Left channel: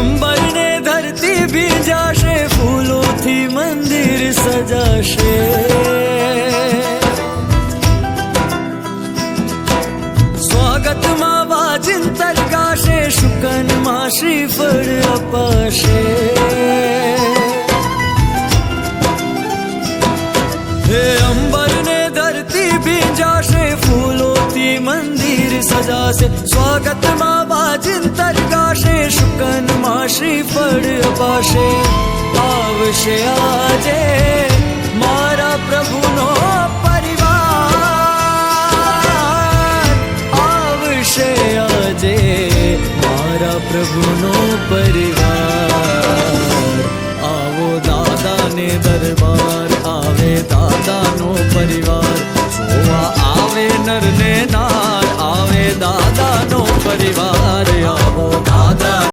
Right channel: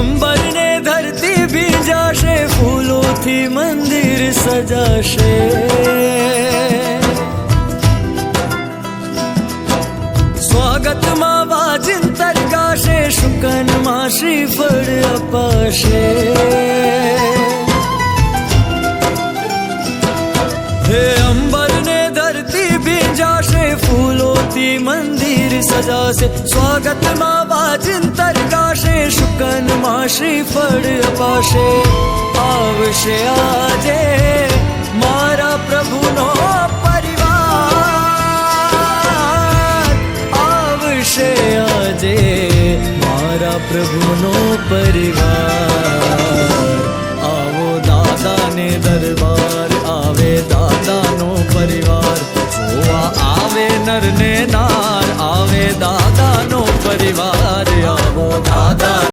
અંબર ને ધરતી ભીંજાશે, ફૂલોથી મંદિર સજાશે. સ્વાગતમાં વાજિંતર ગાશે, શુકનમાં શ્રીફળ અપાશે. હે અંબર ને ધરતી ભીંજાશે, ફૂલોથી મંદિર સજાશે. સ્વાગતમાં વાજિંતર ગાશે, શુકનમાં શ્રીફળ અપાશે. આવશે આજે મારા પ્રભુનો પરિવાર, આવશે આજે મારા પ્રભુનો પરિવાર. આવો દાદાને દરબાર, આવે દાદાનો પરિવાર. જોવા આવે નર ને નાર, આવે દાદાનો પરિવાર. આવો દાદા